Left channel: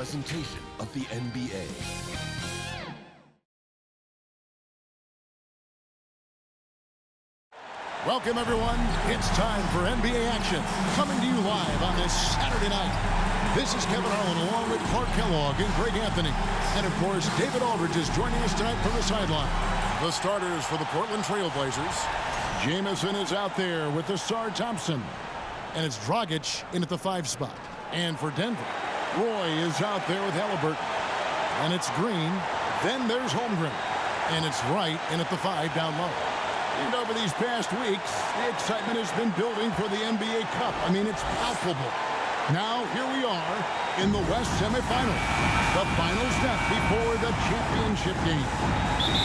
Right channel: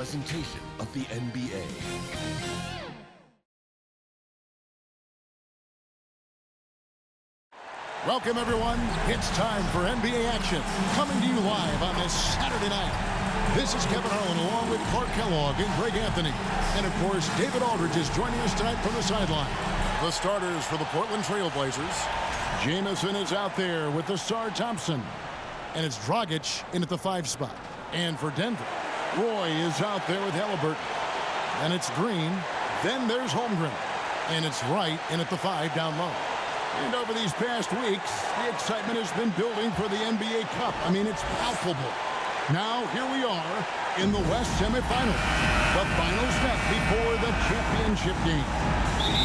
presentation of the NBA. Welcome, everyone. It's time for NBA action. Coming to you live on this Saturday night. This is Kevin Harlan along with Clark Kellogg and Greg Anthony. And, of course, David Aldridge is joining us tonight from the sideline. The starters for the Portland Trail Blazers. Jamison is out there with Ausar Thompson. And it's Dragic in at the 5 spot. And for Denver, Roy is out there with Halliburton. And it's Green. Then there's Holmgren. And it's Wright in at the 5 down low. And over these past weeks, the excitement has been building for the NBA Cup. I mean, it's palpable. Now, here we are in the West semifinals. The final step before the championship game.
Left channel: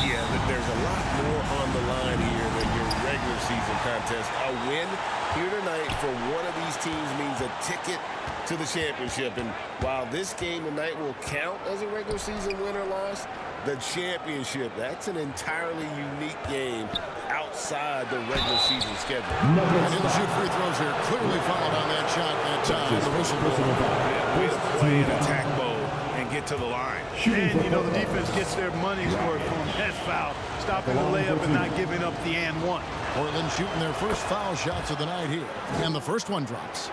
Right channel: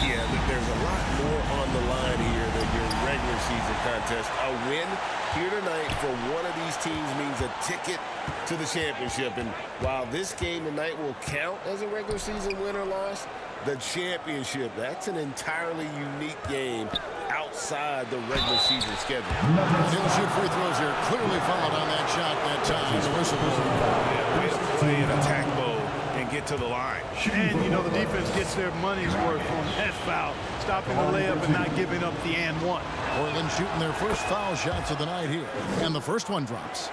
Yeah, there's a lot more on the line here than your regular season contest. A win here tonight for one of these teams means a ticket to the championship. And while this game tonight will count as a regular season win or loss, the championship, that's an entirely unique game outside the regular season schedule. And he'll shoot free throws here. Clearly fouled on that shot that time. The whistle blows. Yeah, way to play an attack mode and get to the line. And, you know, the defense gets their money's worth on that foul, stopping the layup and not giving up the and one. Portland shooting their first foul shots of the night here. And the first one drops.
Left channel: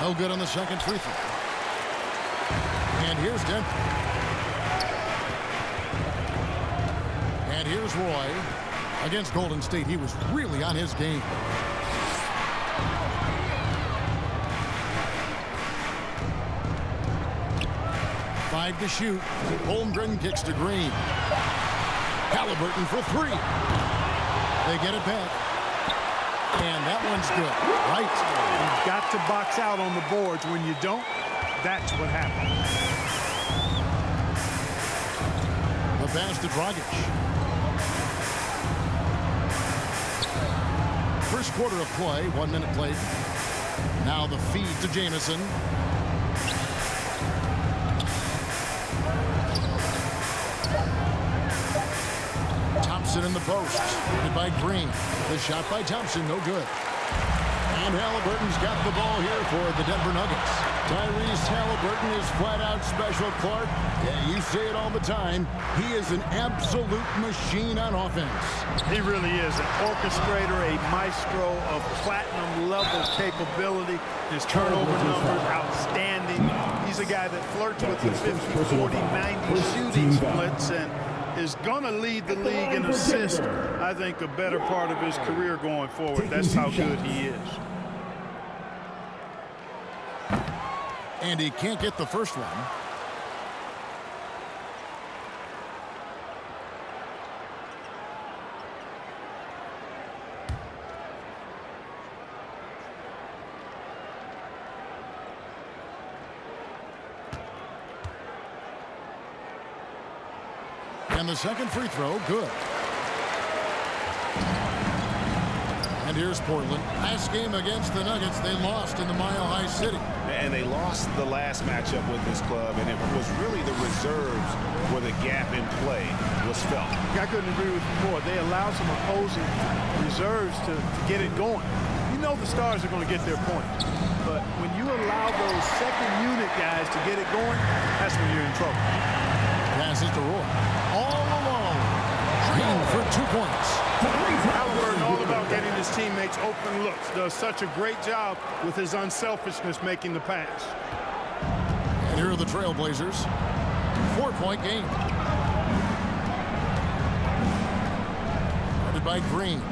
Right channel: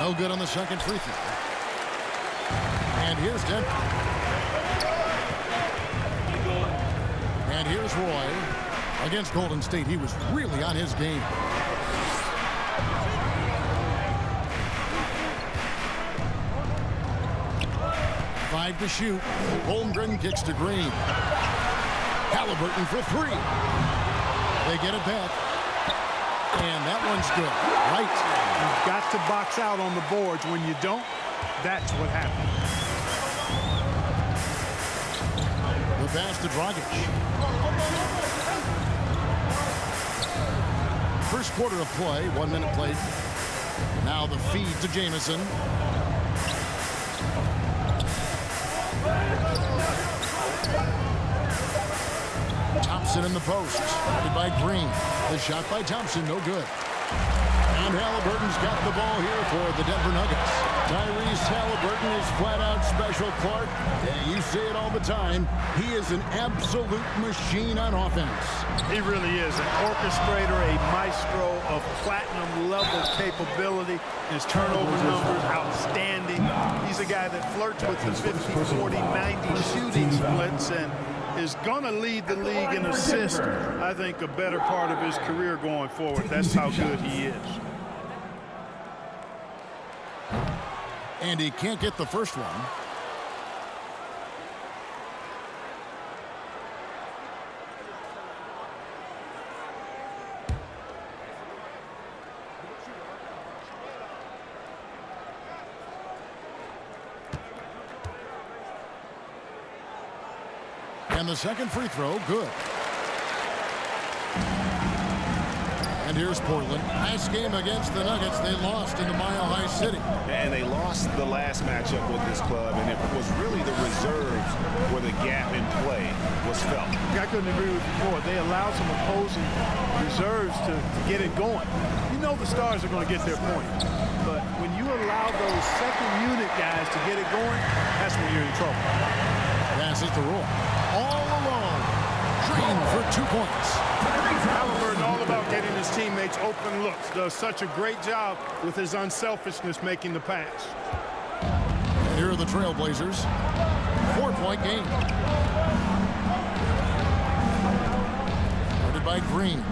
No good on the second free throw. And here's Denver. And here's Roy. Against Golden State, he was really on his game. Five to shoot. Holmgren kicks to Green. Halliburton for 3. They get it back. And that one's good. Right. You've got to box out on the boards. When you don't, that's what happens. The pass to Dragic. First quarter of play, 1 minute played. Now the feed to Jamison. Thompson in the post. Guarded by Green. The shot by Thompson, no good. And Halliburton's got the ball here for the Denver Nuggets. Tyrese Halliburton is flat out special, Clark. Yeah, you say it all the time. He is an absolute machine on offense. He really is an orchestrator, a maestro of platinum-level capability. His turnover numbers, outstanding. He's a guy that flirts with the 50, 40, 90 shooting splits and is going to lead the league in assists, I think, a better part of his career going forward. That's how good he is. And he can't get the first one. And the second free throw, good. And here's Portland. Last game against the Nuggets, they lost in the Mile High City. And they lost the last matchup with this club, and it was really the reserves where the gap in play was felt. I couldn't agree with you more. They allowed some opposing reserves to get it going. You know the stars are going to get their points. But when you allow those second unit guys to get it going, that's when you're in trouble. Passes to Roy. All alone. Green for 2 points. Halliburton all about getting his teammates open looks. Does such a great job with his unselfishness making the pass. And here are the Trailblazers. 4-point game. Guarded by Green.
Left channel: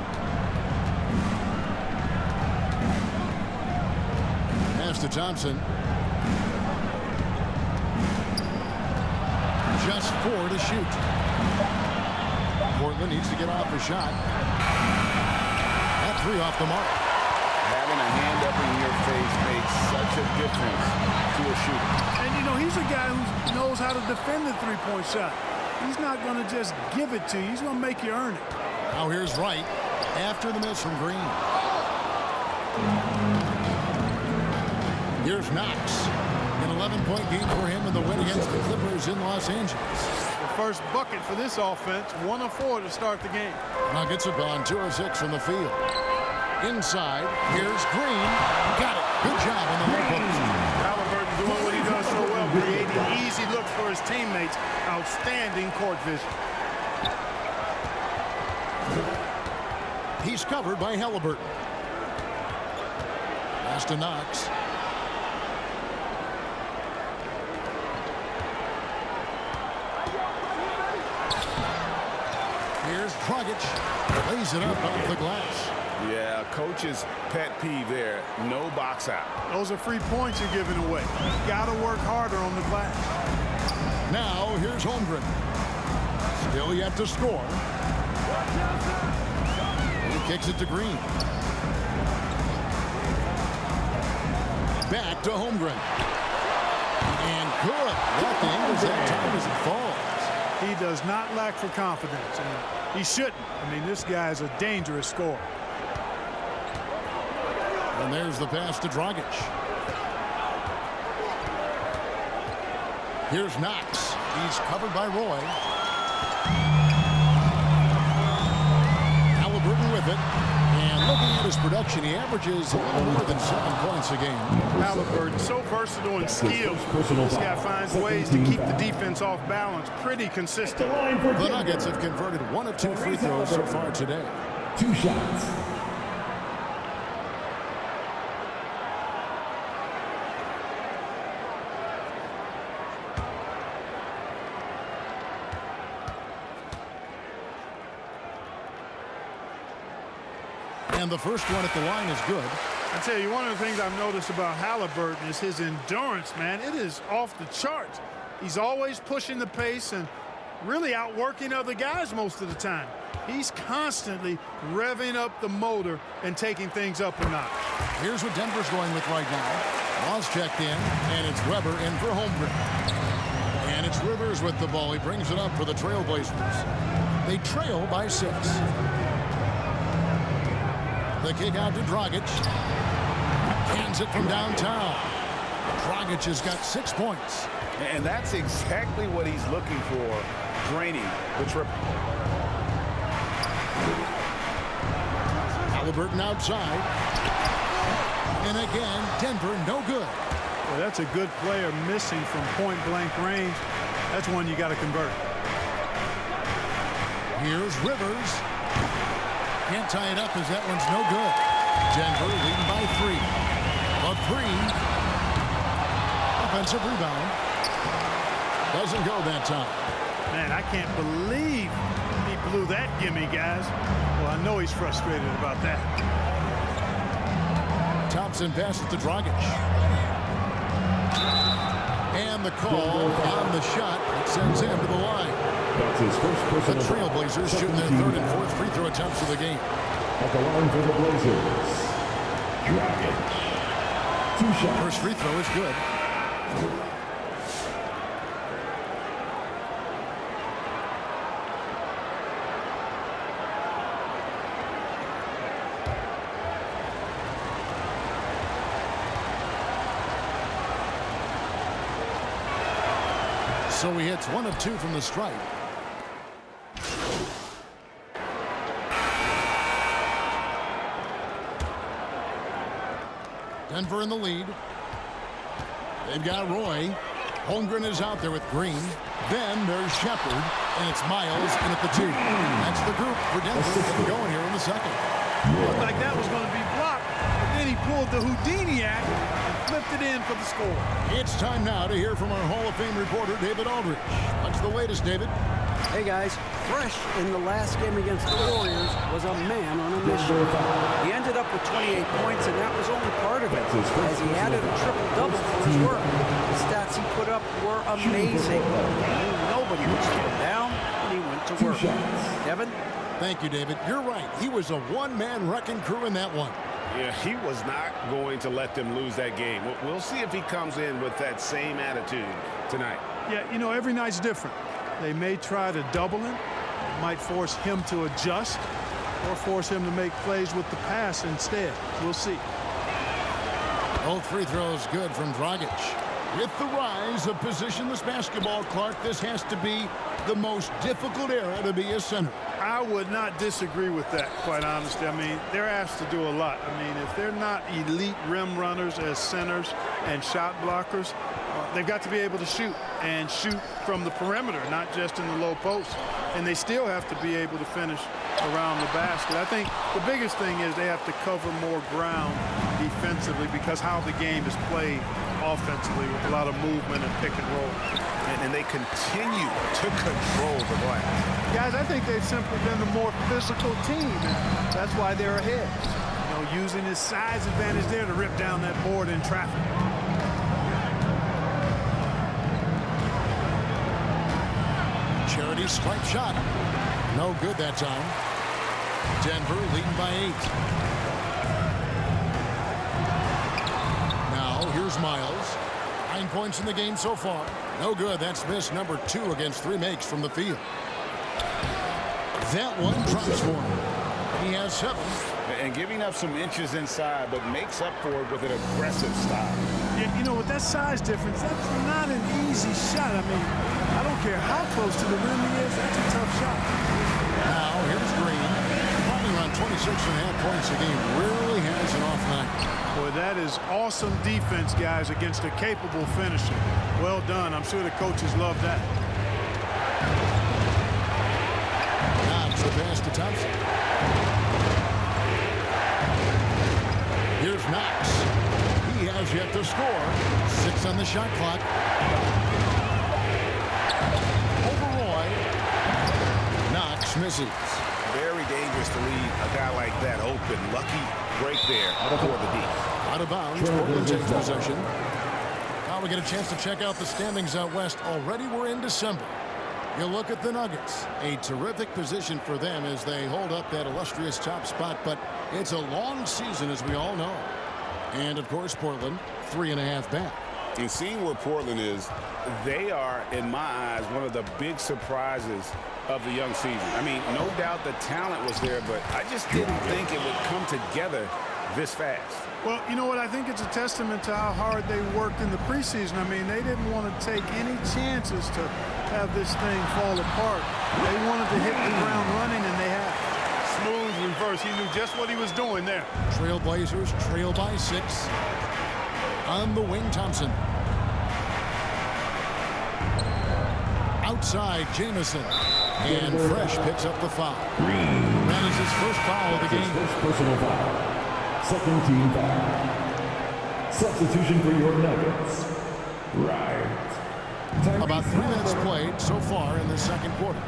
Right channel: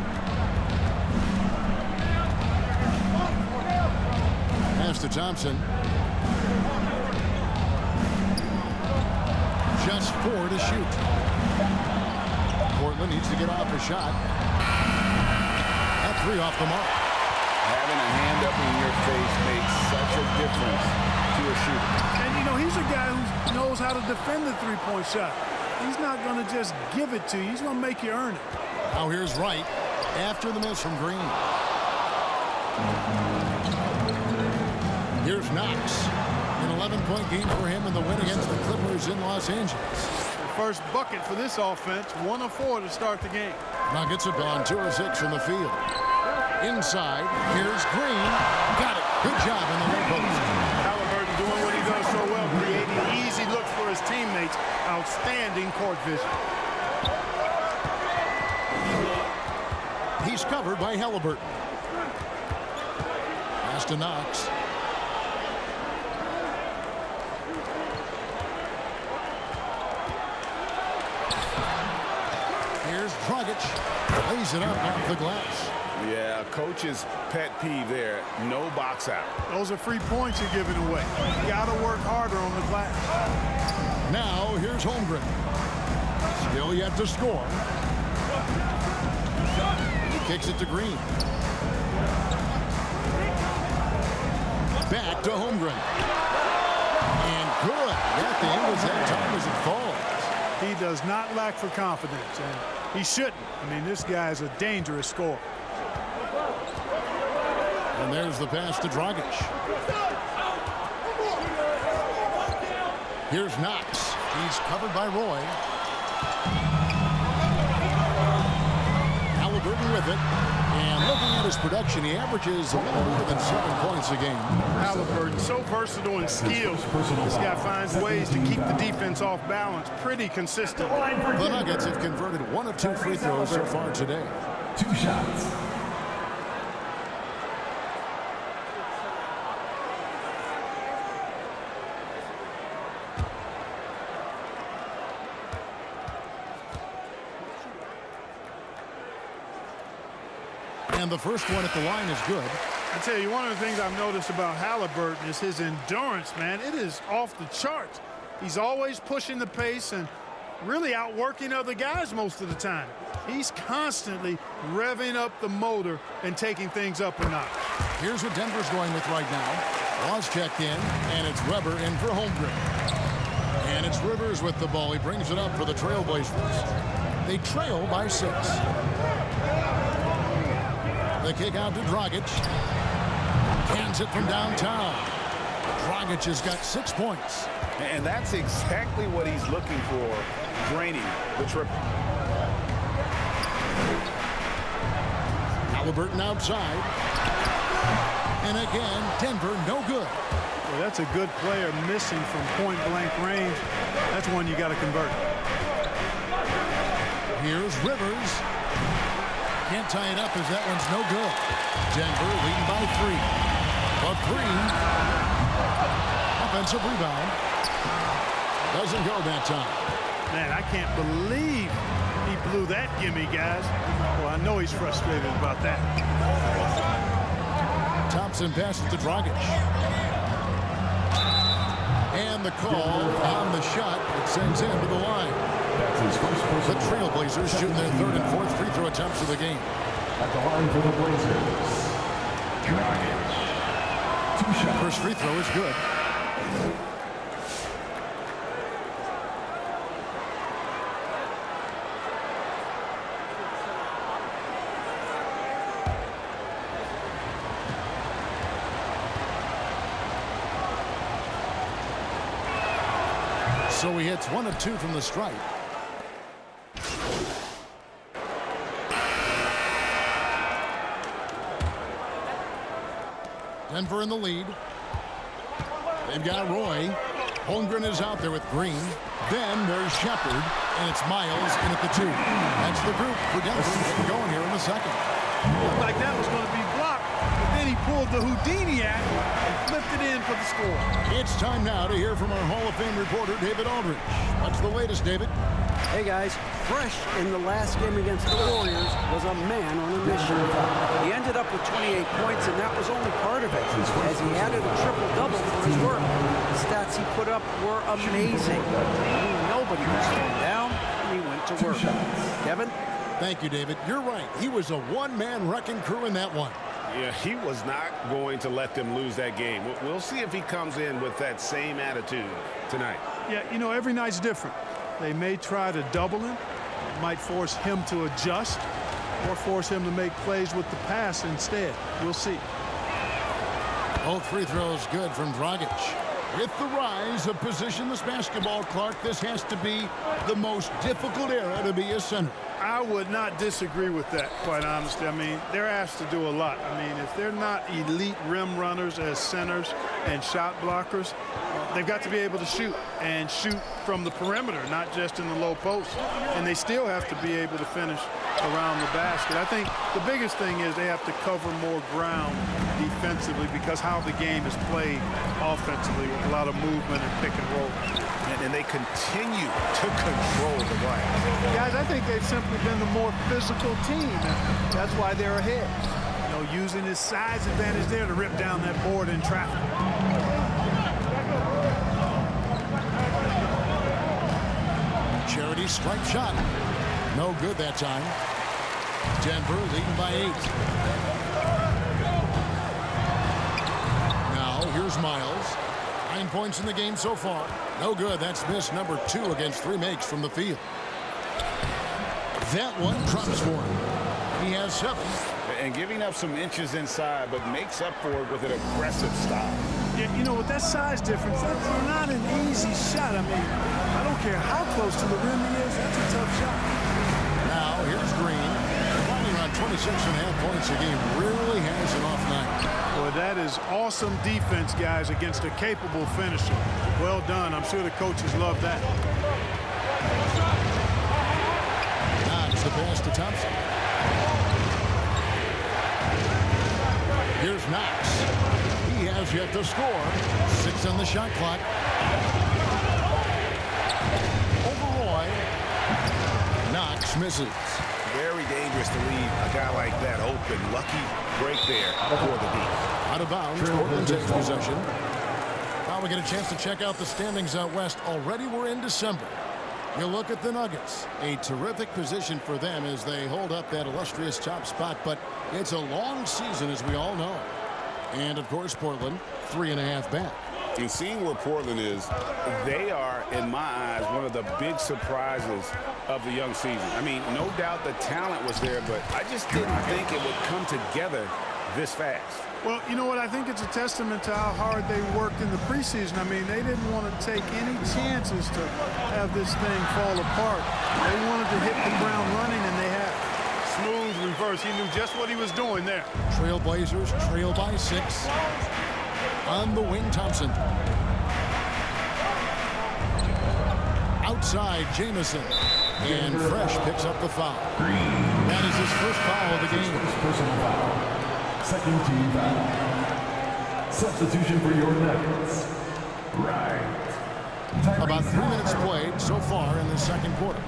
Pass to Thompson. Just 4 to shoot. Portland needs to get off a shot. That 3 off the mark. Having a hand up in your face makes such a difference to a shooter. And, you know, he's a guy who knows how to defend the three-point shot. He's not going to just give it to you. He's going to make you earn it. Now here's Wright after the miss from Green. Here's Knox. An 11-point game for him in the win against the Clippers in Los Angeles. The first bucket for this offense, 1 of 4 to start the game. Nuggets have gone 2 of 6 from the field. Inside, here's Green. Got it. Good job in the low post. Halliburton doing what he does so well, creating easy looks for his teammates. Outstanding court vision. He's covered by Halliburton. Pass to Knox. Here's Dragic. Lays it up off the glass. Yeah, coach's pet peeve there. No box out. Those are free points you're giving away. You got to work harder on the glass. Now here's Holmgren. Still yet to score. He kicks it to Green. Back to Holmgren. And good. That the angles that time as it falls. He does not lack for confidence, and he shouldn't. I mean, this guy's a dangerous scorer. And there's the pass to Dragic. Here's Knox. He's covered by Roy. Halliburton with it. And looking at his production, he averages a little more than 7 points a game. Halliburton, so versatile and skilled. This guy finds ways to keep the defense off balance pretty consistently. The Nuggets have converted 1 of 2 free throws so far today. 2 shots. And the first one at the line is good. I tell you, one of the things I've noticed about Halliburton is his endurance, man. It is off the charts. He's always pushing the pace and really outworking other guys most of the time. He's constantly revving up the motor and taking things up a notch. Here's what Denver's going with right now. Laws checked in, and it's Weber in for Holmgren. And it's Rivers with the ball. He brings it up for the Trailblazers. They trail by 6. The kick out to Dragic. Cans it from downtown. Dragic has got 6 points. And that's exactly what he's looking for, draining the triple. Halliburton outside. And again, Denver no good. Well, that's a good player missing from point-blank range. That's one you got to convert. Here's Rivers. Can't tie it up as that one's no good. Denver leading by 3. A 3. Offensive rebound. Doesn't go that time. Man, I can't believe he blew that gimme, guys. Well, I know he's frustrated about that. Thompson passes to Dragic. And the call on the shot that sends him to the line. That's his first personal. The Trailblazers shooting their 3rd and 4th free throw attempts of the game. At the line for the Blazers, Dragic. 2 shots. First free throw is good. So he hits 1 of 2 from the stripe. Denver in the lead. They've got Roy. Holmgren is out there with Green. Then there's Shepard, and it's Miles in at the 2. That's the group for Denver getting going here in the second. Looked like that was going to be blocked, but then he pulled the Houdini act and flipped it in for the score. It's time now to hear from our Hall of Fame reporter, David Aldridge. What's the latest, David? Hey guys, fresh in the last game against the Warriors was a man on a mission. He ended up with 28 points, and that was only part of it, as he added a triple-double for his work. The stats he put up were amazing. He knew nobody would slow him down, and he went to work. Kevin? Thank you, David. You're right. He was a one-man wrecking crew in that one. Yeah, he was not going to let them lose that game. We'll see if he comes in with that same attitude tonight. Yeah, you know, every night's different. They may try to double him, might force him to adjust, or force him to make plays with the pass instead. We'll see. Both free throws good from Dragic. With the rise of positionless basketball, Clark, this has to be the most difficult era to be a center. I would not disagree with that, quite honestly. I mean, they're asked to do a lot. I mean, if they're not elite rim runners as centers and shot blockers, they've got to be able to shoot and shoot from the perimeter, not just in the low post. And they still have to be able to finish around the basket. I think the biggest thing is they have to cover more ground defensively because how the game is played offensively with a lot of movement and pick and roll. And they continue to control the glass. Guys, I think they've simply been the more physical team, and that's why they're ahead. You know, using his size advantage there to rip down that board in traffic. Charity stripe shot. No good that time. Denver leading by 8. Now here's Miles. 9 points in the game so far. No good. That's miss number 2 against 3 makes from the field. That one drops for him. He has 7. And giving up some inches inside, but makes up for it with an aggressive style. Yeah, you know, with that size difference, that's not an easy shot. I mean, I don't care how close to the rim he is. That's a tough shot. Now here's Green. Fighting around 26.5 points a game. Rarely has an off night. Boy, that is awesome defense, guys, against a capable finisher. Well done. I'm sure the coaches love that. Knox the pass to Thompson. Here's Knox. He has yet to score. 6 on the shot clock. Over Roy. Knox misses. Very dangerous to leave a guy like that open. Lucky break there for the D. Out of bounds. Portland takes possession. Now we get a chance to check out the standings out west. Already we're in December. You look at the Nuggets. A terrific position for them as they hold up that illustrious top spot. But it's a long season, as we all know. And, of course, Portland, 3.5 back. And seeing where Portland is, they are, in my eyes, one of the big surprises of the young season. I mean, no doubt the talent was there, but I just didn't think it would come together this fast. Well, you know what? I think it's a testament to how hard they worked in the preseason. I mean, they didn't want to take any chances to have this thing fall apart. They wanted to hit the ground running, and they have. Smooth reverse. He knew just what he was doing there. Trailblazers trail by 6. On the wing, Thompson. Outside, Jamison. And Fresh picks up the foul. Green. That is his first foul of the game. First personal foul. Second team foul. Substitution for your Nuggets. Right. About 3 minutes played so far in the second quarter.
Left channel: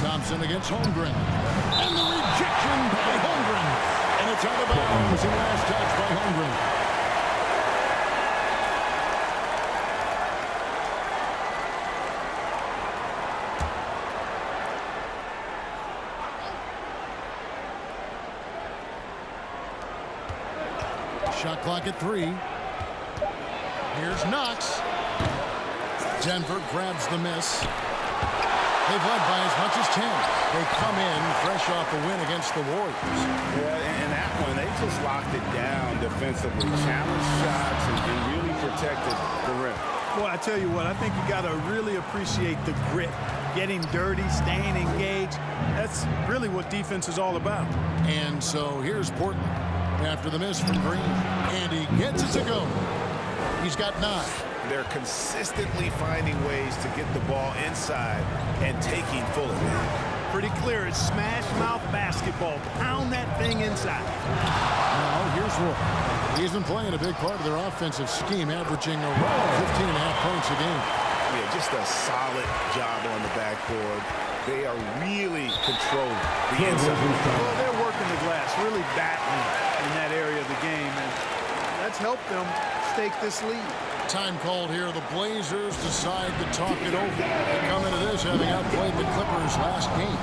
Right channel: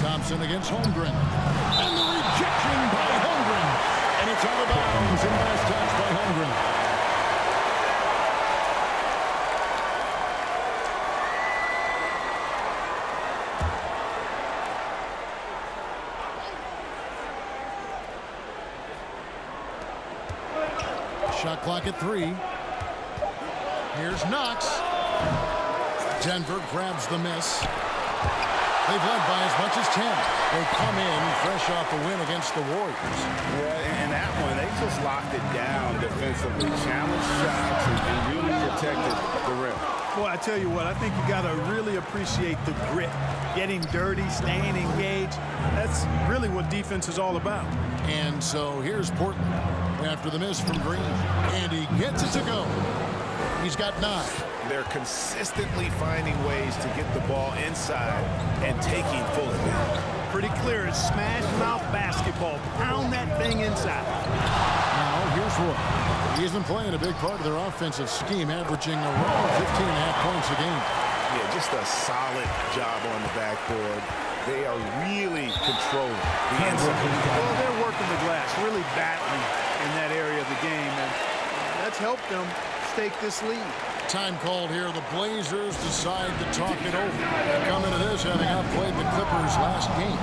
Thompson against Holmgren. And the rejection by Holmgren. And it's out of bounds in last touch by Holmgren. Shot clock at 3. Here's Knox. Denver grabs the miss. They've led by as much as 10. They come in fresh off a win against the Warriors. Yeah, and that one, they just locked it down defensively. Challenged shots and really protected the rim. Boy, I tell you what, I think you got to really appreciate the grit. Getting dirty, staying engaged. That's really what defense is all about. And so here's Portland after the miss from Green. And he gets it to go. He's got 9. They're consistently finding ways to get the ball inside and taking full advantage. Pretty clear. It's smash mouth basketball. Pound that thing inside. Now here's Roy. He's been playing a big part of their offensive scheme, averaging around 15.5 points a game. Yeah, just a solid job on the backboard. They are really controlling the inside. Well, they're working the glass, really battling in that area of the game, and that's helped them stake this lead. Time called here. The Blazers decide to talk it over. They come into this having outplayed the Clippers last game.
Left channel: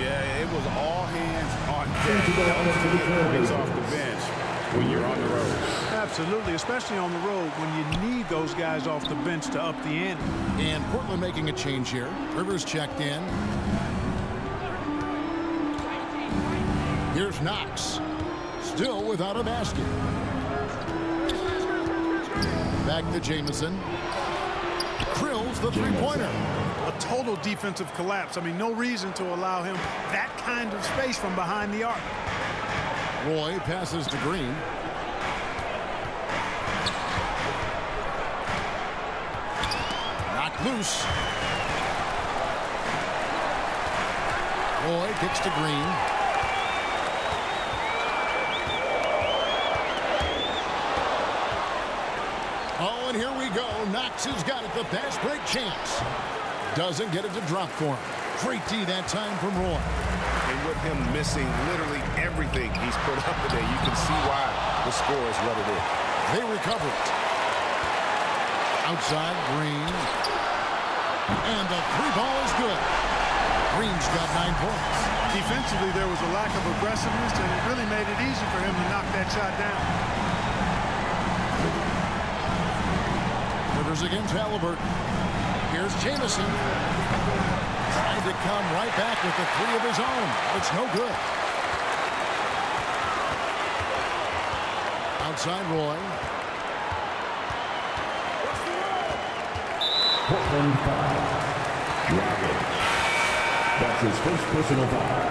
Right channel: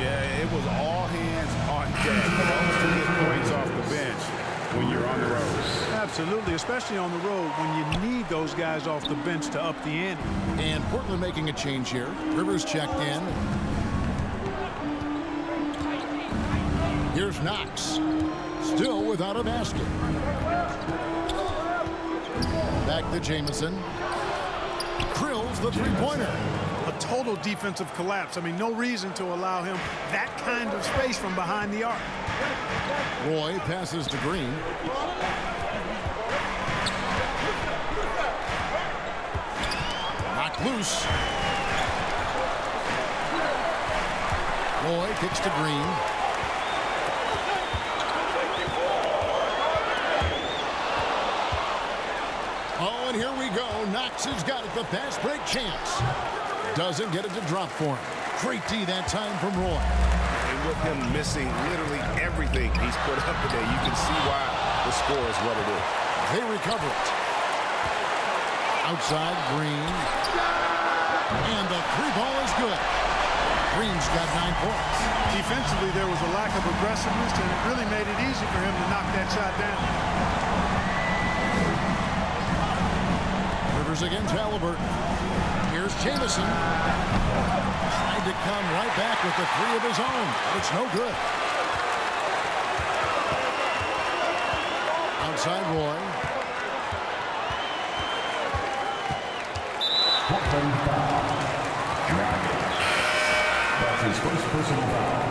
Yeah, it was all hands on deck. It helps to get points off the bench when you're on the road. Absolutely, especially on the road when you need those guys off the bench to up the ante. And Portland making a change here. Rivers checked in. Here's Knox. Still without a basket. Back to Jamison. Drills the three-pointer. A total defensive collapse. I mean, no reason to allow him that kind of space from behind the arc. Roy passes to Green. Knocked loose. Roy kicks to Green. Oh, and here we go. Knox has got it. The fast break chance. Doesn't get it to drop for him. Great D that time from Roy. And with him missing literally everything he's put up today, you can see why the score is what it is. They recover it. Outside, Green. And the three ball is good. Green's got 9 points. Defensively, there was a lack of aggressiveness, and it really made it easy for him to knock that shot down. Rivers against Halliburton. Here's Jamison. Tried to come right back with the 3 of his own, but it's no good. Outside Roy. Portland foul. Dragic. That's his first personal foul.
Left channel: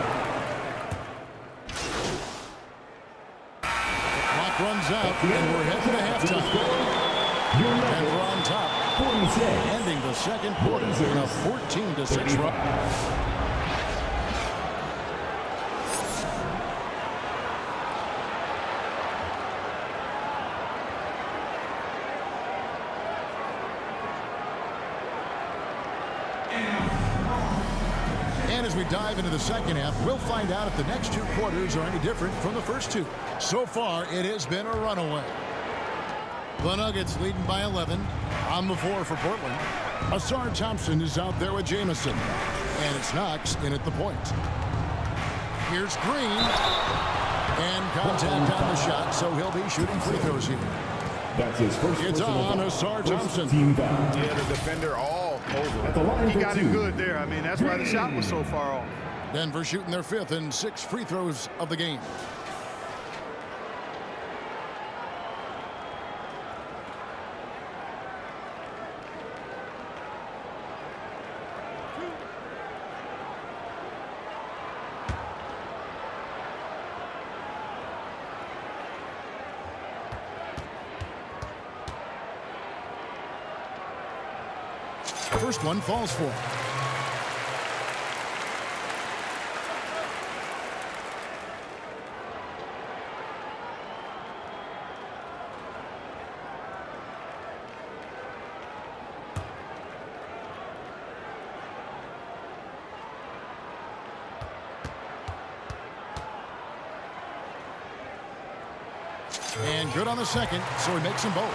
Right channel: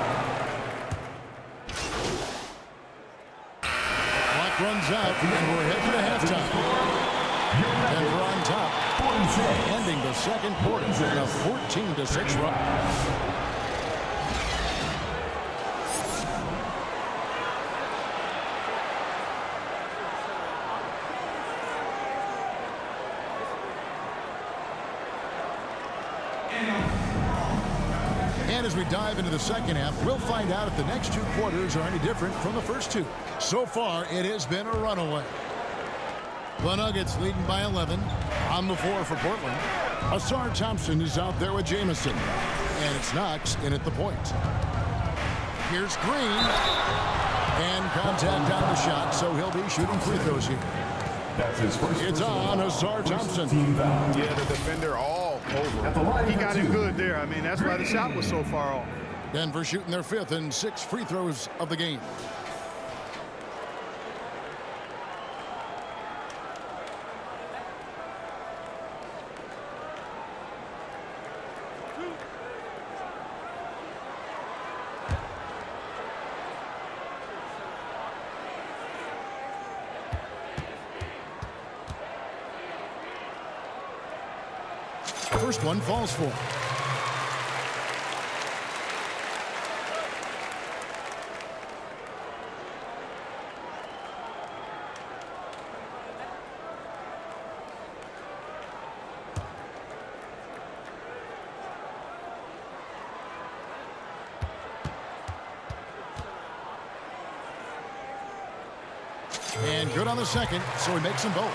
The clock runs out, and we're heading to halftime. Denver on top, 46. ending the second quarter in a 14-6 run. And as we dive into the second half, we'll find out if the next 2 quarters are any different from the first 2. So far, it has been a runaway. The Nuggets leading by 11. On the floor for Portland. Ausar Thompson is out there with Jamison. And it's Knox in at the point. Here's Green. And contact on the shot, so he'll be shooting free throws here. That's his first. It's on Ausar Thompson. Team foul. Yeah, the defender all over. At the line He for got 2. it good there. I mean, that's why the shot was so far off. Denver shooting their 5th and 6th free throws of the game. First one falls for him. And good on the second, so he makes them both.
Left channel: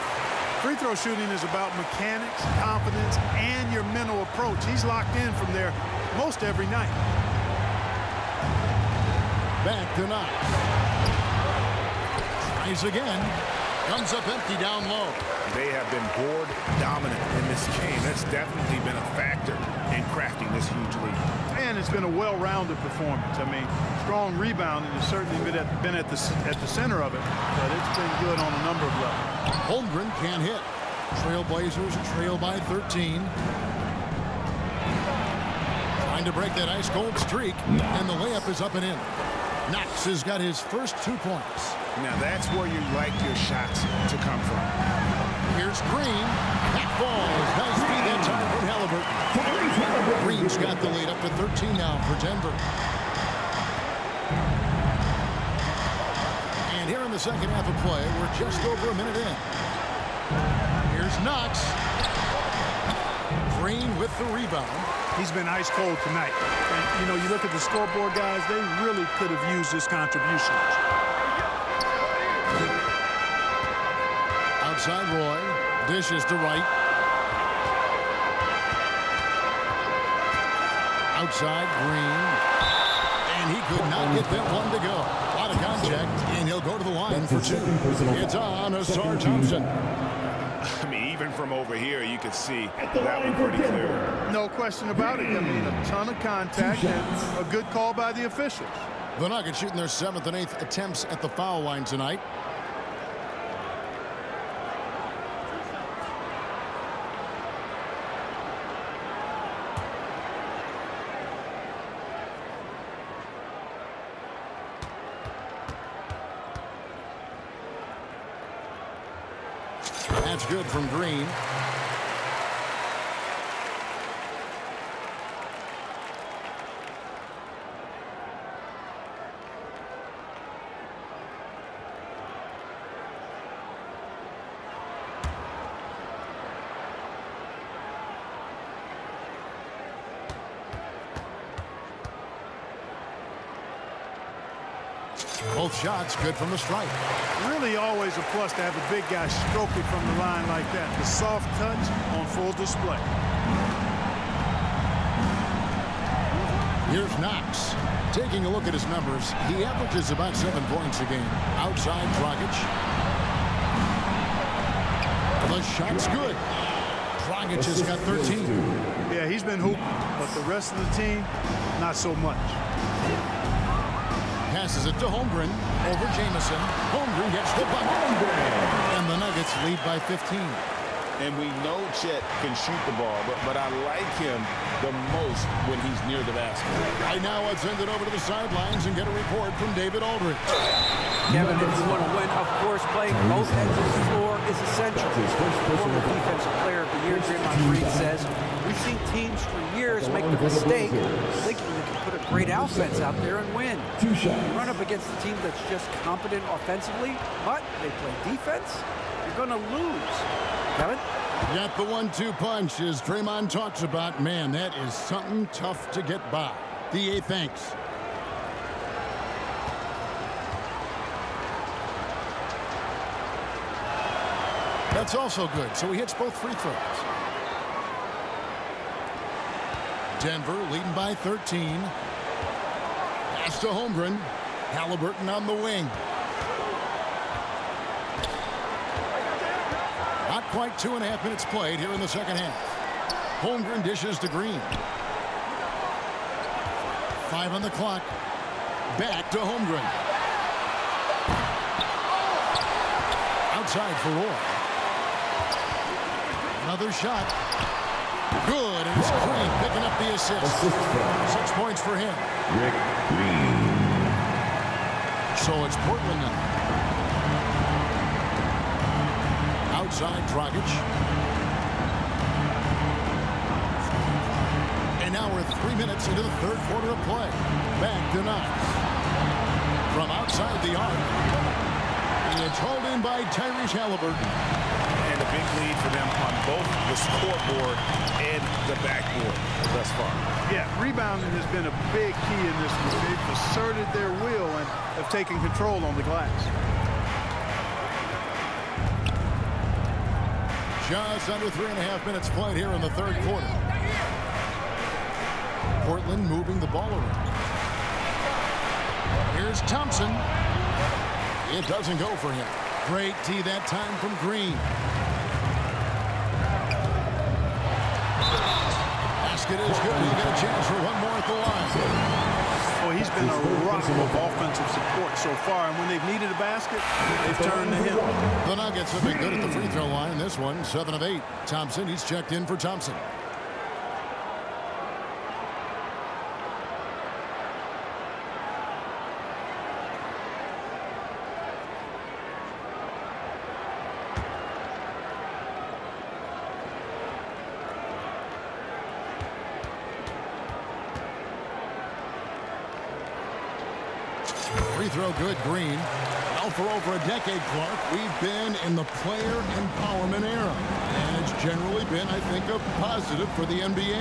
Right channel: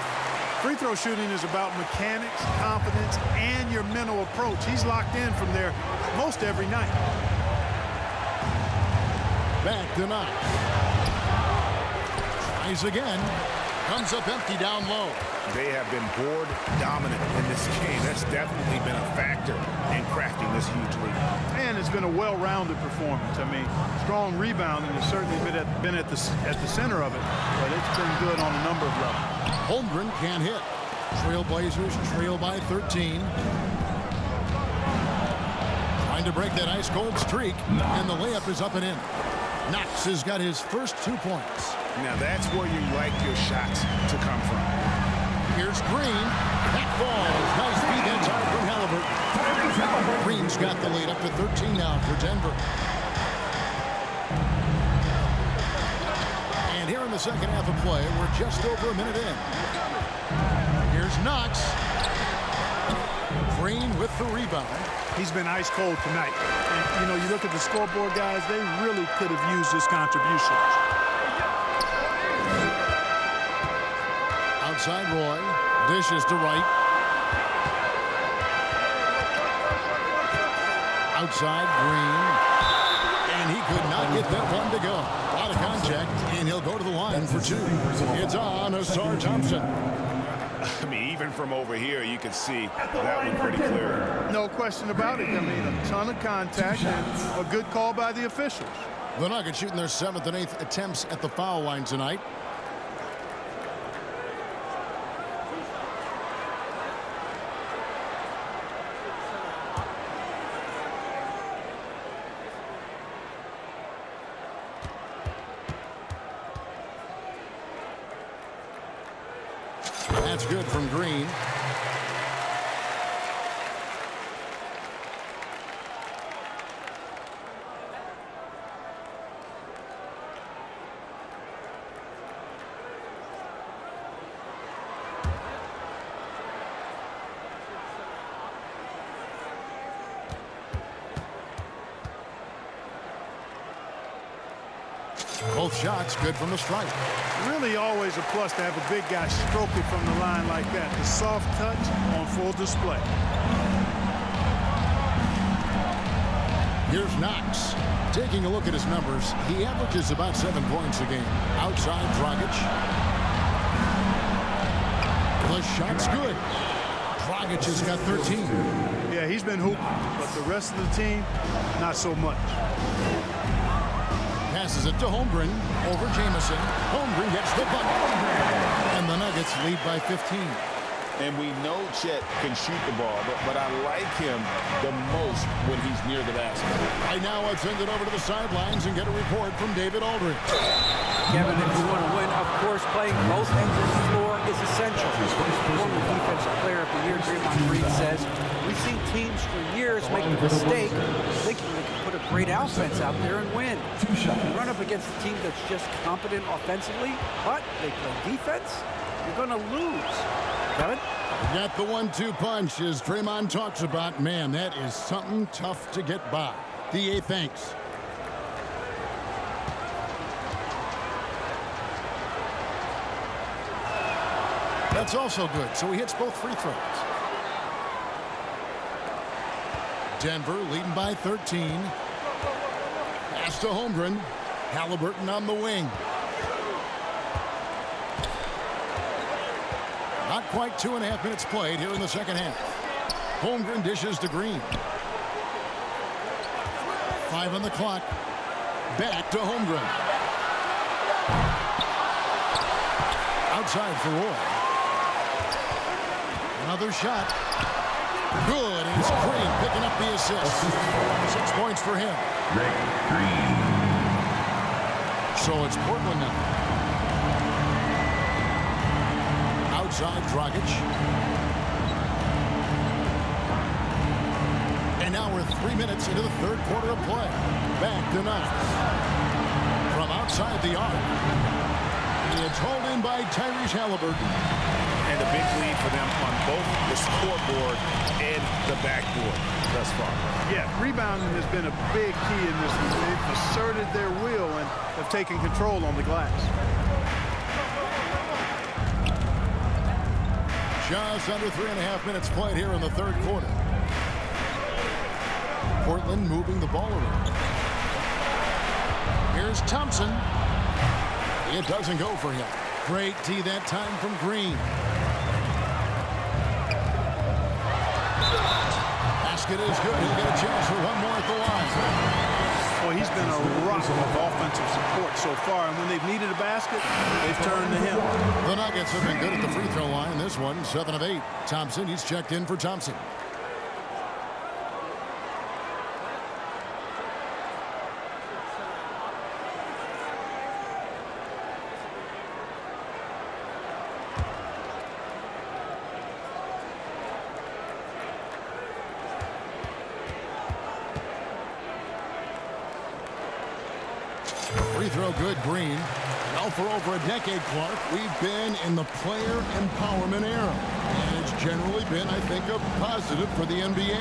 Free throw shooting is about mechanics, confidence, and your mental approach. He's locked in from there most every night. Back to Knox. Tries again. Comes up empty down low. They have been board dominant in this game. That's definitely been a factor in crafting this huge lead. And it's been a well-rounded performance. I mean, strong rebounding has certainly been at the center of it, but it's been good on a number of levels. Holmgren can't hit. Trailblazers trail by 13. Trying to break that ice-cold streak, and the layup is up and in. Knox has got his first 2 points. Now that's where you like your shots to come from. Here's Green. That falls. Nice feed that time from Halliburton. Green's got the lead up to 13 now for Denver. And here in the second half of play, we're just over a minute in. Here's Knox. Green with the rebound. He's been ice cold tonight. And, you know, you look at the scoreboard, guys, they really could have used his contributions. Outside Roy. Dishes to Wright. Outside Green. And he could not get that one to go. A lot of contact, and he'll go to the line for 2. It's on Ausar Thompson. I mean, even from over here, you can see that one pretty clear. No question about it. I mean, a ton of contact and a good call by the officials. The Nuggets shooting their 7th and 8th attempts at the foul line tonight. That's good from Green. Both shots good from the stripe. Really always a plus to have a big guy stroke it from the line like that. The soft touch on full display. Here's Knox. Taking a look at his numbers, he averages about 7 points a game. Outside Dragic. The shot's good. Dragic has got 13. Yeah, he's been hooping, but the rest of the team, not so much. Passes it to Holmgren over Jamison. Holmgren gets the bucket. And the Nuggets lead by 15. And we know Chet can shoot the ball, but I like him the most when he's near the basket. Right now, let's send it over to the sidelines and get a report from David Aldridge. Kevin, if you want to win, of course, playing both ends of the floor is essential. Former Defensive Player of the Year, Draymond Green, says, we've seen teams for years make the mistake thinking they can put a great offense out there and win. You run up against a team that's just competent offensively, but they play defense, you're going to lose. Kevin? Got the 1-2 punch as Draymond talks about. Man, that is something tough to get by. DA thanks. That's also good, so he hits both free throws. Denver leading by 13. Pass to Holmgren. Halliburton on the wing. Not quite 2.5 minutes played here in the second half. Holmgren dishes to Green. 5 on the clock. Back to Holmgren. Outside for Roy. Another shot. Good, and it's Green picking up the assist. 6 points for him. Rick Green. So it's Portland now. Outside Dragic. And now we're 3 minutes into the third quarter of play. Back to Knox. From outside the arc. It's hauled in by Tyrese Halliburton. And a big lead for them on both the scoreboard and the backboard thus far. Yeah, rebounding has been a big key in this one. They've asserted their will and have taken control on the glass. Just under 3.5 minutes played here in the third quarter. Portland moving the ball around. Here's Thompson. It doesn't go for him. Great D that time from Green. Basket is good. He'll get a chance for one more at the line. Well, he's been a rock of offensive support so far, and when they've needed a basket, they've turned to him. The Nuggets have been good at the free throw line. This one, 7 of 8. Thompson, he's checked in for Thompson. Free throw good, Green. Well, for over a decade, Clark, we've been in the player empowerment era. And it's generally been, I think, a positive for the NBA.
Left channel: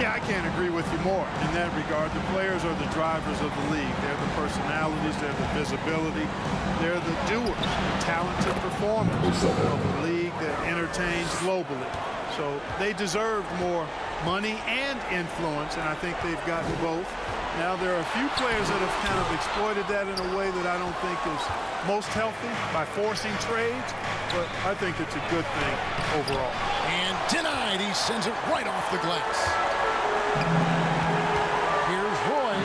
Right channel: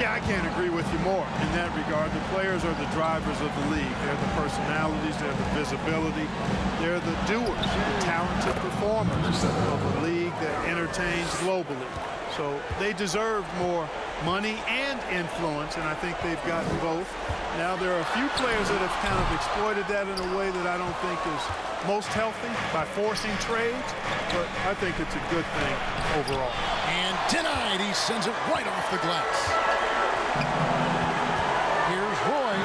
Yeah, I can't agree with you more in that regard. The players are the drivers of the league. They're the personalities. They're the visibility. They're the doers, the talented performers of a league that entertains globally. So they deserved more money and influence, and I think they've gotten both. Now, there are a few players that have kind of exploited that in a way that I don't think is most healthy by forcing trades, but I think it's a good thing overall. And denied. He sends it right off the glass. Here's Roy.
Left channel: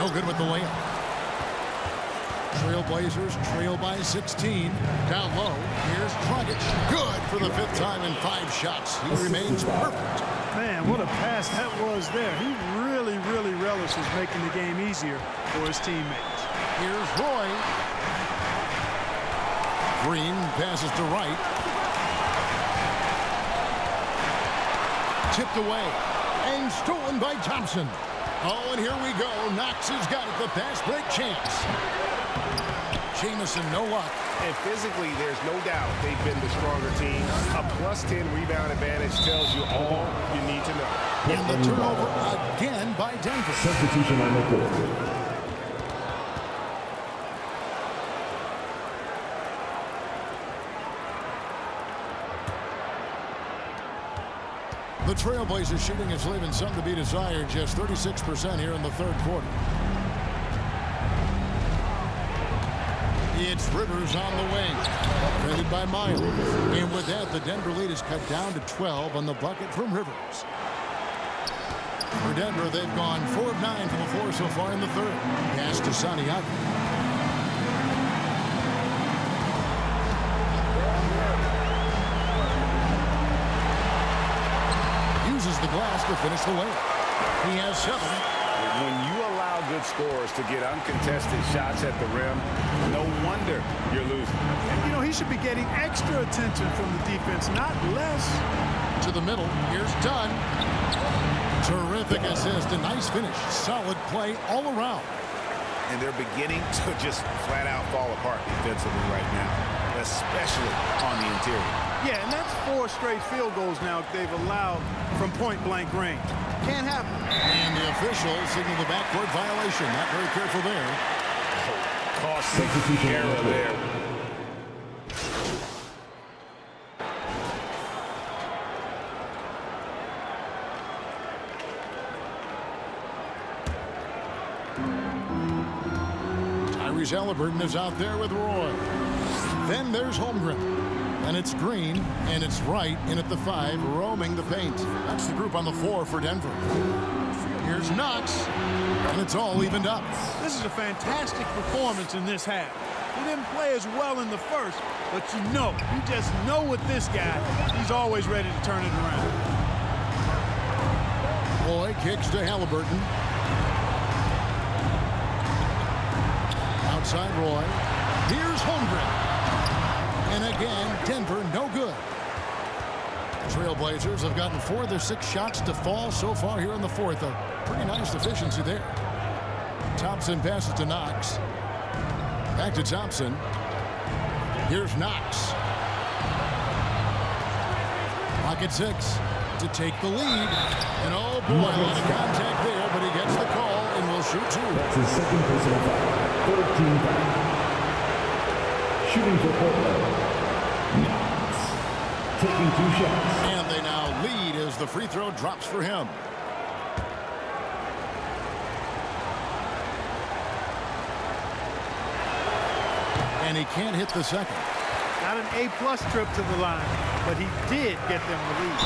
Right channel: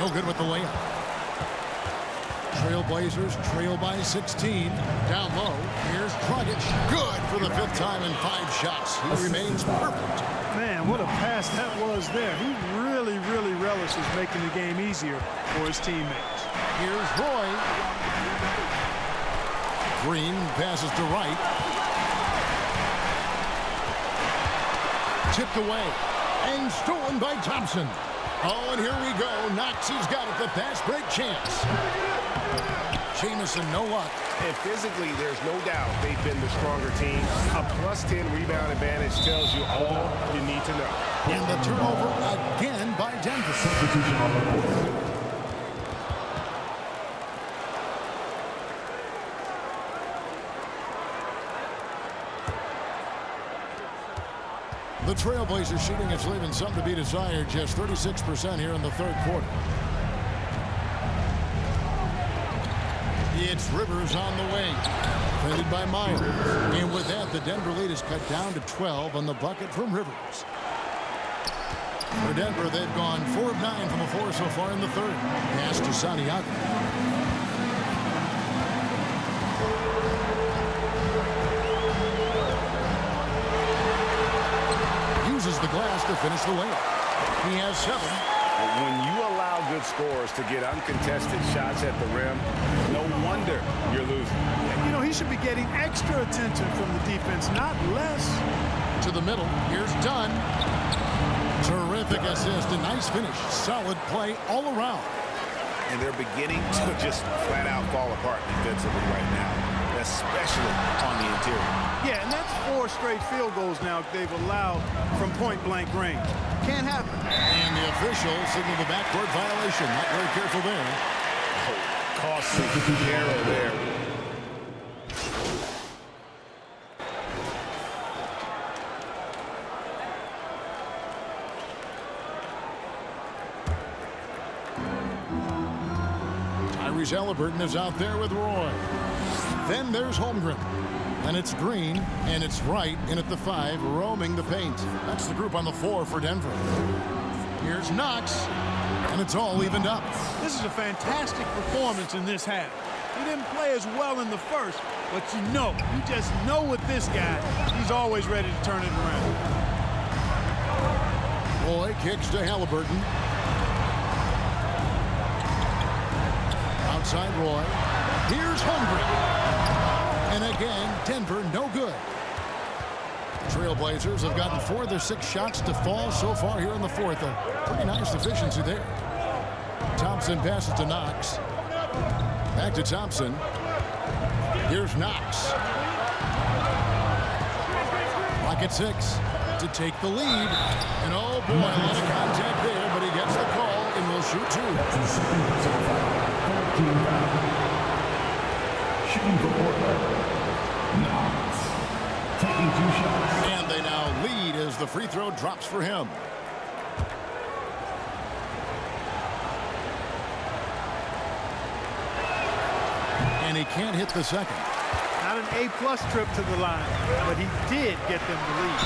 No good with the layup. Trailblazers trail by 16. Down low. Here's Dragic. Good for the 5th time in 5 shots. He remains perfect. Man, what a pass that was there. He really, really relishes making the game easier for his teammates. Here's Roy. Green passes to Wright. Tipped away and stolen by Thompson. Oh, and here we go. Knox has got it. The fast break chance. Jamison, no luck. And physically, there's no doubt they've been the stronger team. A +10 rebound advantage tells you all you need to know. And the turnover again by Denver. Substitution on the court. The Trailblazers shooting is leaving some to be desired. Just 36% here in the third quarter. It's Rivers on the wing. Defended by Myers. And with that, the Denver lead is cut down to 12 on the bucket from Rivers. For Denver, they've gone 4 of 9 from the floor so far in the third. Pass to Santiago. Uses the glass to finish the layup. He has 7. When you allow good scorers to get uncontested shots at the rim, no wonder you're losing. And, you know, he should be getting extra attention from the defense, not less. To the middle. Here's Dunn. Terrific assist. A nice finish. Solid play all around. And they're beginning to just flat out fall apart defensively right now, especially on the interior. Yeah, and that's 4 straight field goals now they've allowed from point-blank range. Can't happen. And the official signaled the backcourt violation. Not very careful there. Oh, costly error there. Tyrese Halliburton is out there with Roy. Then there's Holmgren. And it's Green, and it's Wright in at the 5, roaming the paint. That's the group on the floor for Denver. Here's Knox, and it's all evened up. This is a fantastic performance in this half. He didn't play as well in the first, but you just know with this guy, he's always ready to turn it around. Roy kicks to Halliburton. Outside Roy. Here's Holmgren. And again, Denver no good. The Trailblazers have gotten 4 of their 6 shots to fall so far here in the fourth. A pretty nice efficiency there. Thompson passes to Knox. Back to Thompson. Here's Knox. Clock at 6 to take the lead. And oh boy, a lot of contact there, but he gets the call and will shoot 2. That's his second personal foul. 14 foul. Shooting for Portland. Knox. Taking 2 shots. And they now lead as the free throw drops for him. And he can't hit the second. Not an A-plus trip to the line, but he did get them the lead.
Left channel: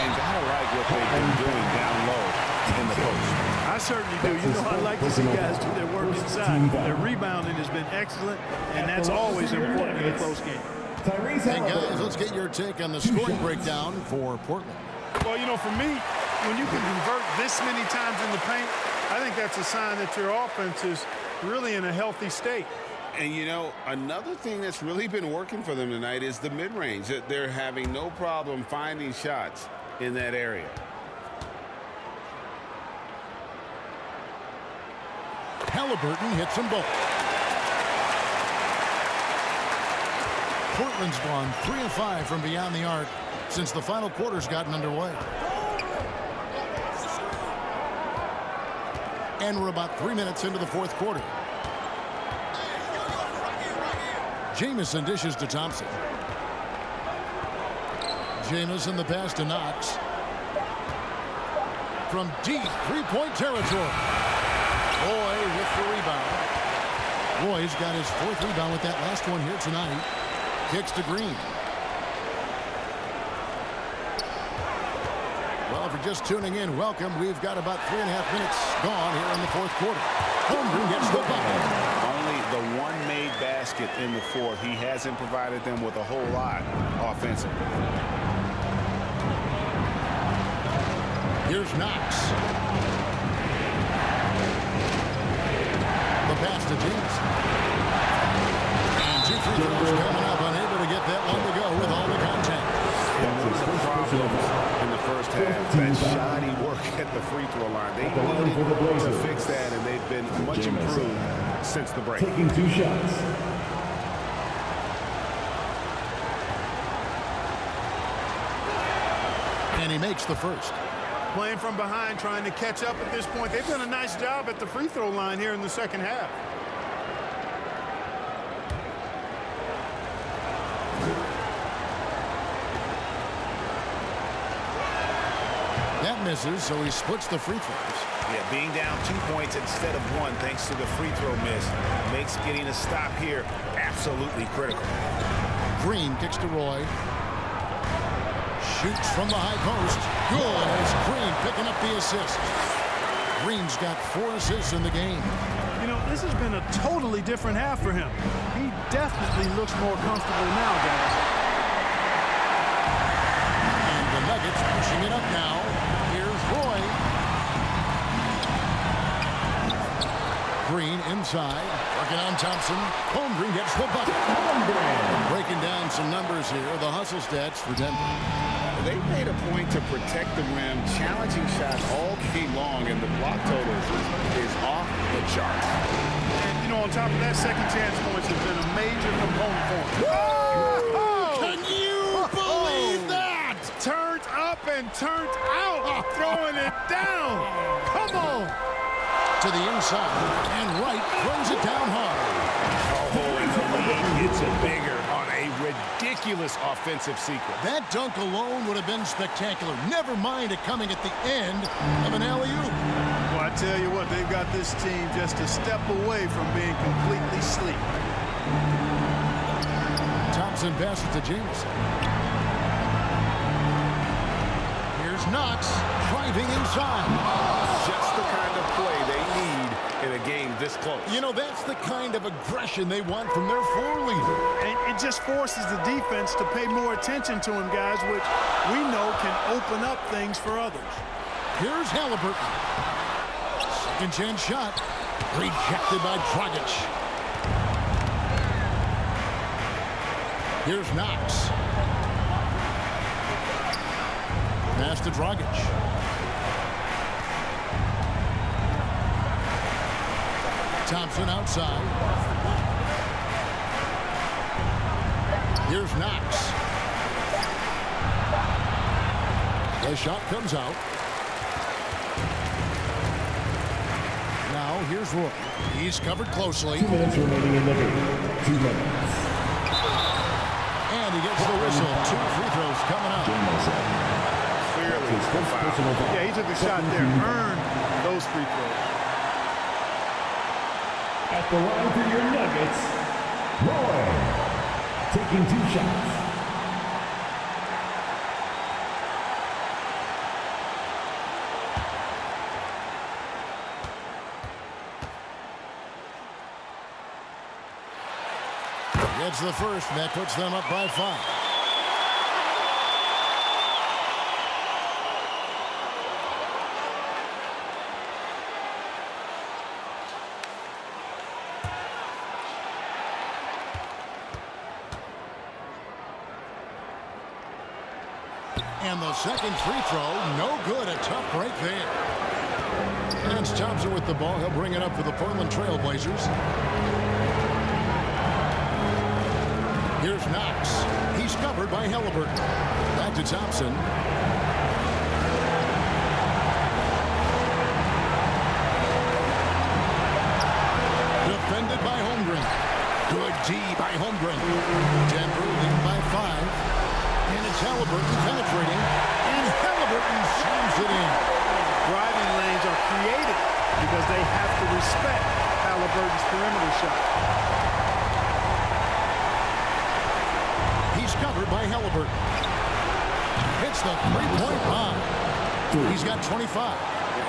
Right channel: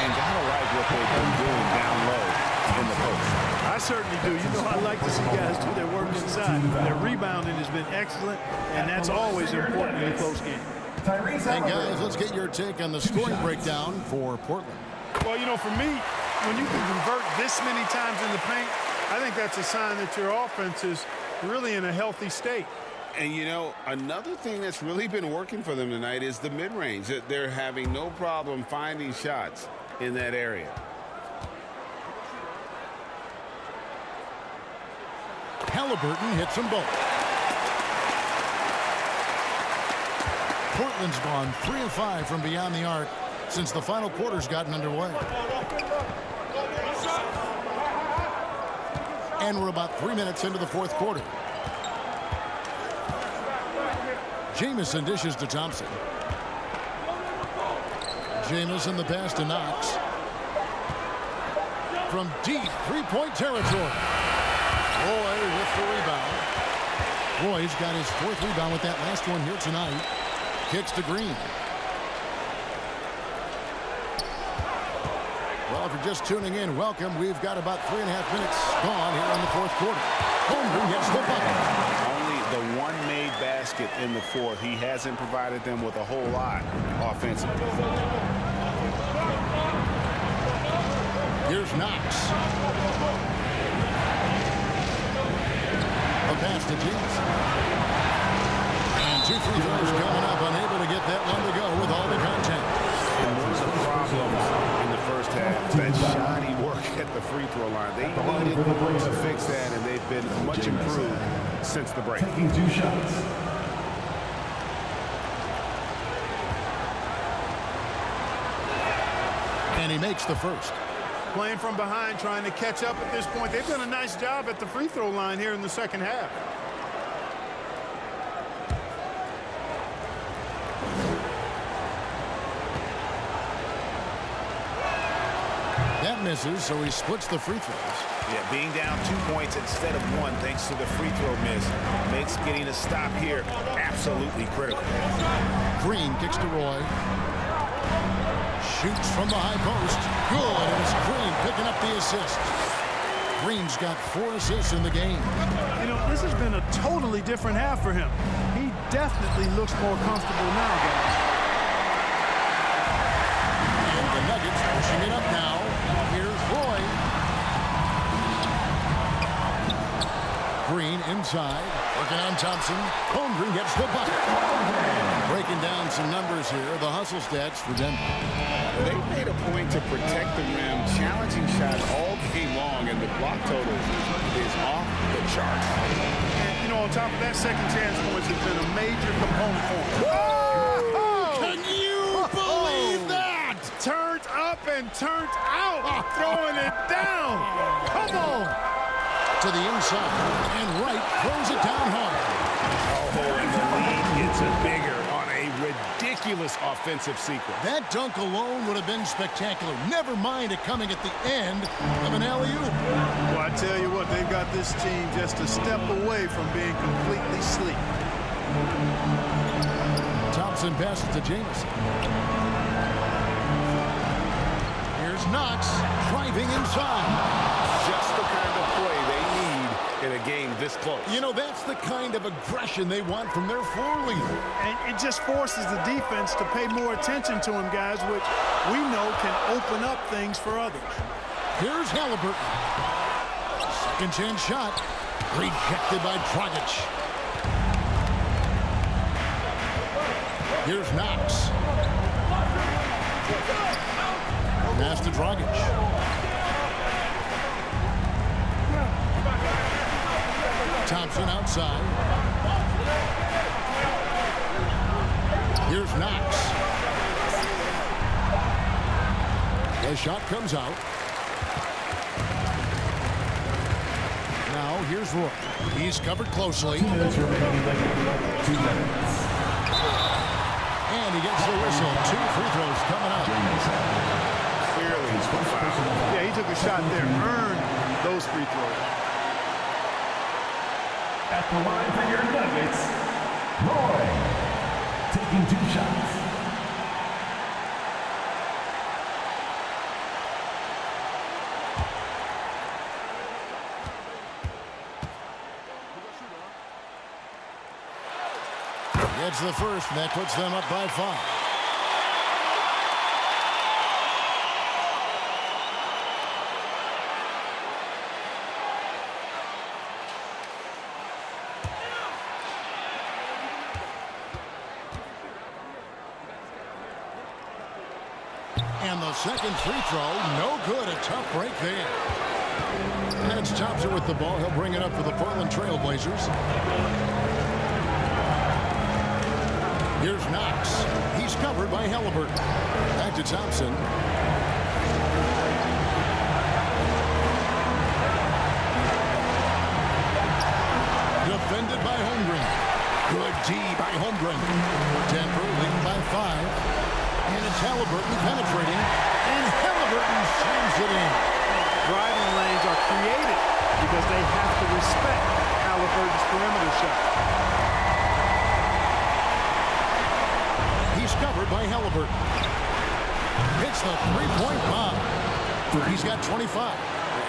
And gotta like what they've been doing down low in the post. I certainly do. You know, I like to see guys do their work inside. Their rebounding has been excellent, and that's always important in a close game. Hey, guys, let's get your take on the scoring breakdown for Portland. Well, you know, for me, when you can convert this many times in the paint, I think that's a sign that your offense is really in a healthy state. And, you know, another thing that's really been working for them tonight is the mid-range. They're having no problem finding shots in that area. Halliburton hits them both. Portland's gone 3 of 5 from beyond the arc since the final quarter's gotten underway. And we're about 3 minutes into the fourth quarter. Jamison dishes to Thompson. Jamison the pass to Knox. From deep three-point territory. Roy with the rebound. Roy's got his 4th rebound with that last one here tonight. Kicks to Green. Well, if you're just tuning in, welcome. We've got about 3.5 minutes gone here in the fourth quarter. Holmgren gets the bucket. Only the one made basket in the fourth. He hasn't provided them with a whole lot offensively. Here's Knox. The pass to Jamison. And Two free throws coming up, unable to get that one to go with all the contact. And one of the problems in the first half, that shoddy work at the free throw line. They needed to fix that, and they've been much improved since the break. Taking 2 shots. And he makes the first. Playing from behind, trying to catch up at this point. They've done a nice job at the free throw line here in the second half. That misses, so he splits the free throws. Yeah, being down 2 points instead of 1 thanks to the free throw miss makes getting a stop here absolutely critical. Green kicks to Roy. Shoots from the high post. Good, and it's Green picking up the assist. Green's got 4 assists in the game. You know, this has been a totally different half for him. He definitely looks more comfortable now, guys. And the Nuggets pushing it up now. Here's Roy. Green inside, working on Thompson. Holmgren gets the bucket. Breaking down some numbers here, the hustle stats for Denver. They made a point to protect the rim, challenging shots all game long, and the block total is off the charts. And, you know, on top of that, second chance points has been a major component for him. Oh! Can you believe that? Turned up and turned out, throwing it down. Come on. To the inside, and Wright throws it down hard. Oh, and the lead gets bigger on a ridiculous offensive sequence. That dunk alone would have been spectacular. Never mind it coming at the end of an alley-oop. Well, I tell you what, they've got this team just a step away from being completely asleep. Thompson passes to Jamison. Here's Knox driving inside. Just the kind of play they need in a game this close. You know, that's the kind of aggression they want from their floor leader. And it just forces the defense to pay more attention to him, guys, which we know can open up things for others. Here's Halliburton. Second chance shot. Rejected by Dragic. Here's Knox. Pass to Dragic. Thompson outside. Here's Knox. The shot comes out. Now here's Roy. He's covered closely. 2 minutes remaining in the game. 2 minutes. And he gets the whistle. 2 free throws coming up. Clearly foul. Yeah, he took a shot there, earned those free throws. At the line for your Nuggets, Roy. Taking 2 shots. Gets the first, and that puts them up by 5. And the second free throw, no good. A tough break there. And it's Thompson with the ball. He'll bring it up for the Portland Trail Blazers. Here's Knox. He's covered by Halliburton. Back to Thompson. Defended by Holmgren. Good D by Holmgren. Denver leading by 5. And it's Halliburton penetrating. And Halliburton slams it in. Driving lanes are created because they have to respect Halliburton's perimeter shot. He's covered by Halliburton. Hits the three-point bomb. He's got 25.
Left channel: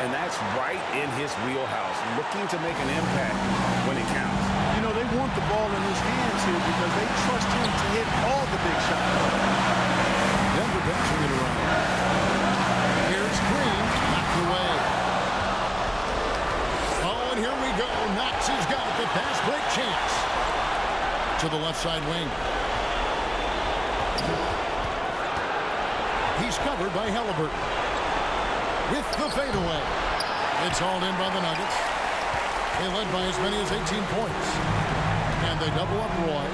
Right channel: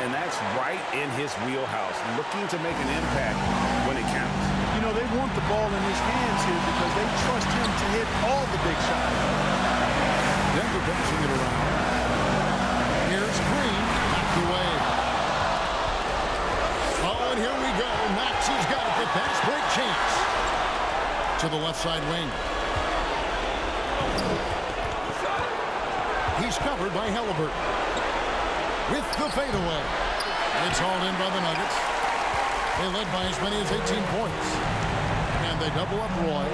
And that's right in his wheelhouse, looking to make an impact when it counts. You know, they want the ball in his hands here because they trust him to hit all the big shots. Denver passing it around. Here's Green, knocked away. Oh, and here we go. Knox has got it, the fast break chance. to the left side wing. He's covered by Halliburton. With the fadeaway. It's hauled in by the Nuggets. They led by as many as 18 points. And they double up Roy.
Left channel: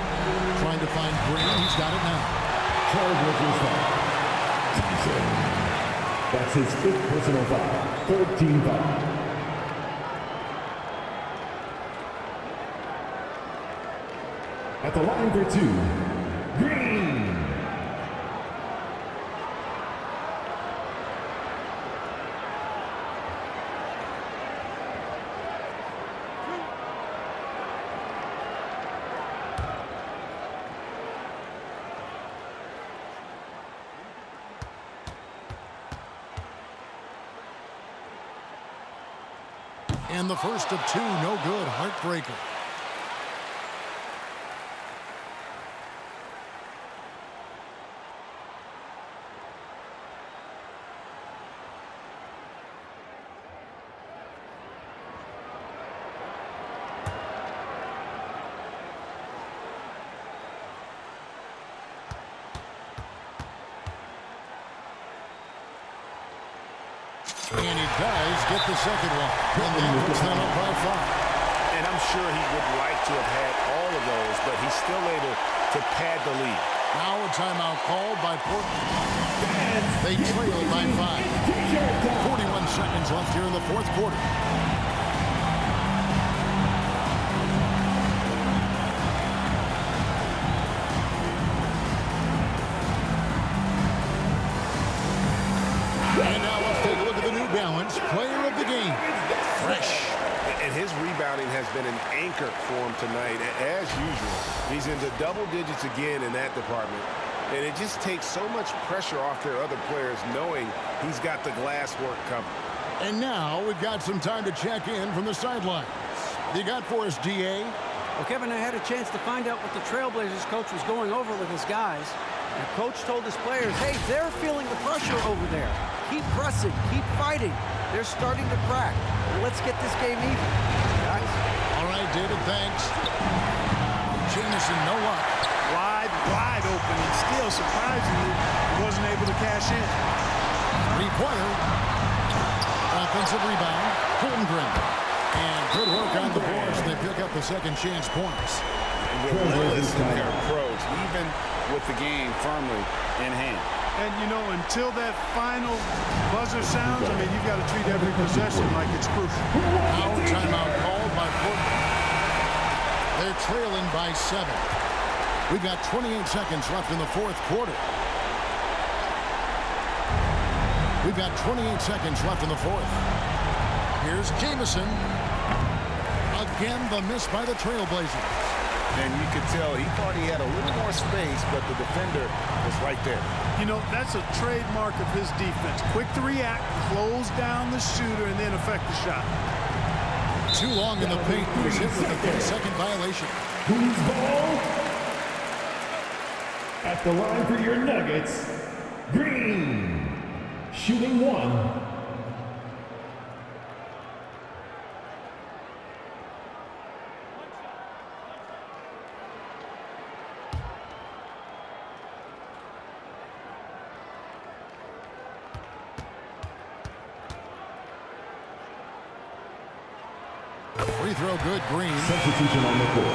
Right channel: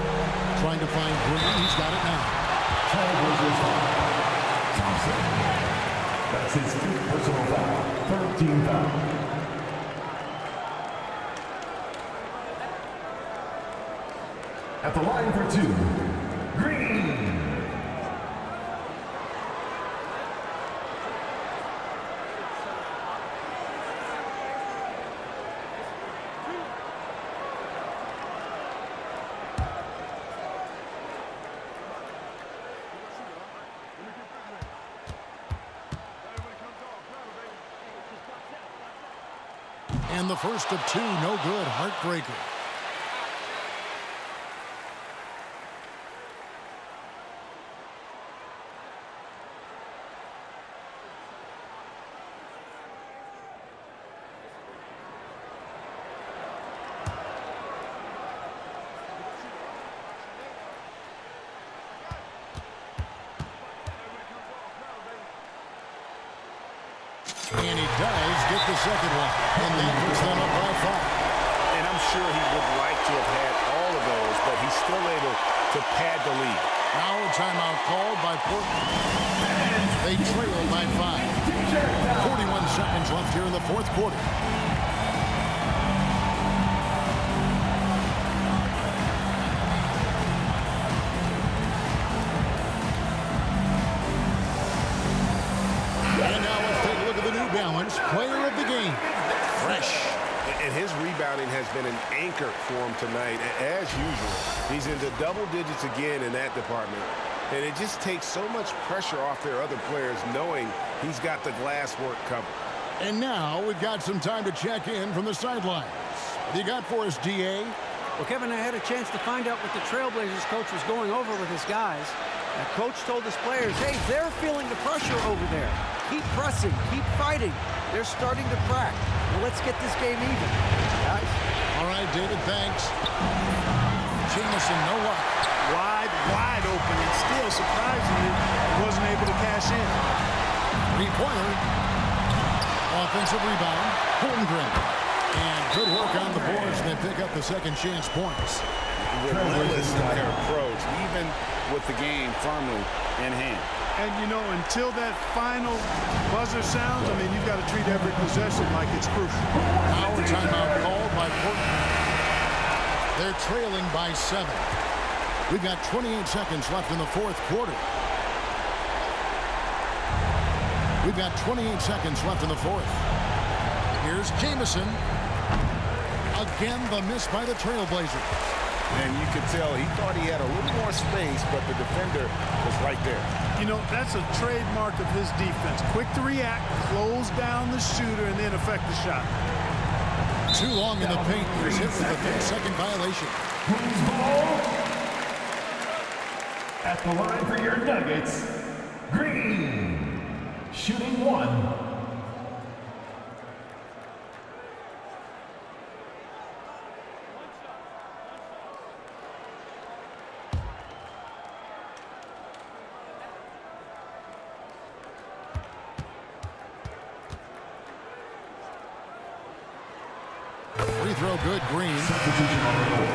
Trying to find Green. He's got it now. Trailblazers foul. Thompson. That's his 5th personal foul. 3rd team foul. At the line for 2, Green. And the first of 2, no good. Heartbreaker. And he does get the second one. And that puts them up by 5. And I'm sure he would like to have had all of those, but he's still able to pad the lead. Now a timeout called by Portland. They trail by 5. 41 seconds left here in the 4th quarter. And now let's take a look at the New Balance player of the game. Fresh. And his rebounding has been an anchor for him tonight. As usual, he's into double digits again in that department. And it just takes so much pressure off their other players knowing he's got the glass work covered. And now we've got some time to check in from the sidelines. What do you got for us, D.A.? Well, Kevin, I had a chance to find out what the Trailblazers coach was going over with his guys. And coach told his players, hey, they're feeling the pressure over there. Keep pressing, keep fighting. They're starting to crack. Now let's get this game even, guys. All right, David, thanks. Jamison, no luck. Wide open, and still, surprisingly, wasn't able to cash in. 3-pointer. Offensive rebound. Holmgren. And good work on the boards. They pick up the second chance points. Relentless in their approach, even with the game firmly in hand. And, you know, until that final buzzer sounds, I mean, you've got to treat every possession like it's crucial. Now a timeout called by Portland. They're trailing by 7. We've got 28 seconds left in the 4th quarter. We've got 28 seconds left in the 4th. Here's Jamison. Again, the miss by the Trailblazers. And you could tell he thought he had a little more space, but the defender was right there. You know, that's a trademark of his defense. Quick to react, close down the shooter, and then affect the shot. Too long in the paint. He was hit with a 3-second violation. Who's ball? At the line for your Nuggets, Green. Shooting 1. Free throw good, Green. Substitution on the court.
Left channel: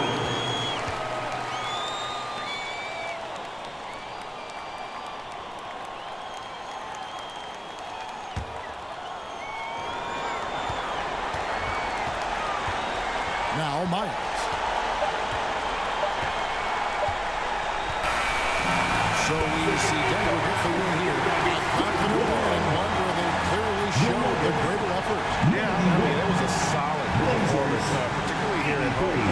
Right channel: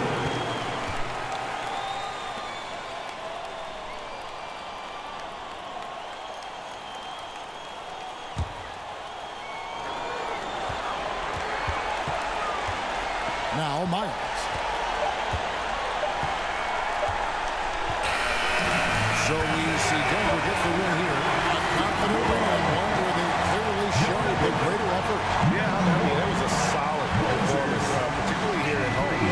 Now Myers. So we see Denver get the win here. A confident win and one where they clearly showed the greater effort. Yeah, I mean, it was a solid performance, particularly here at home.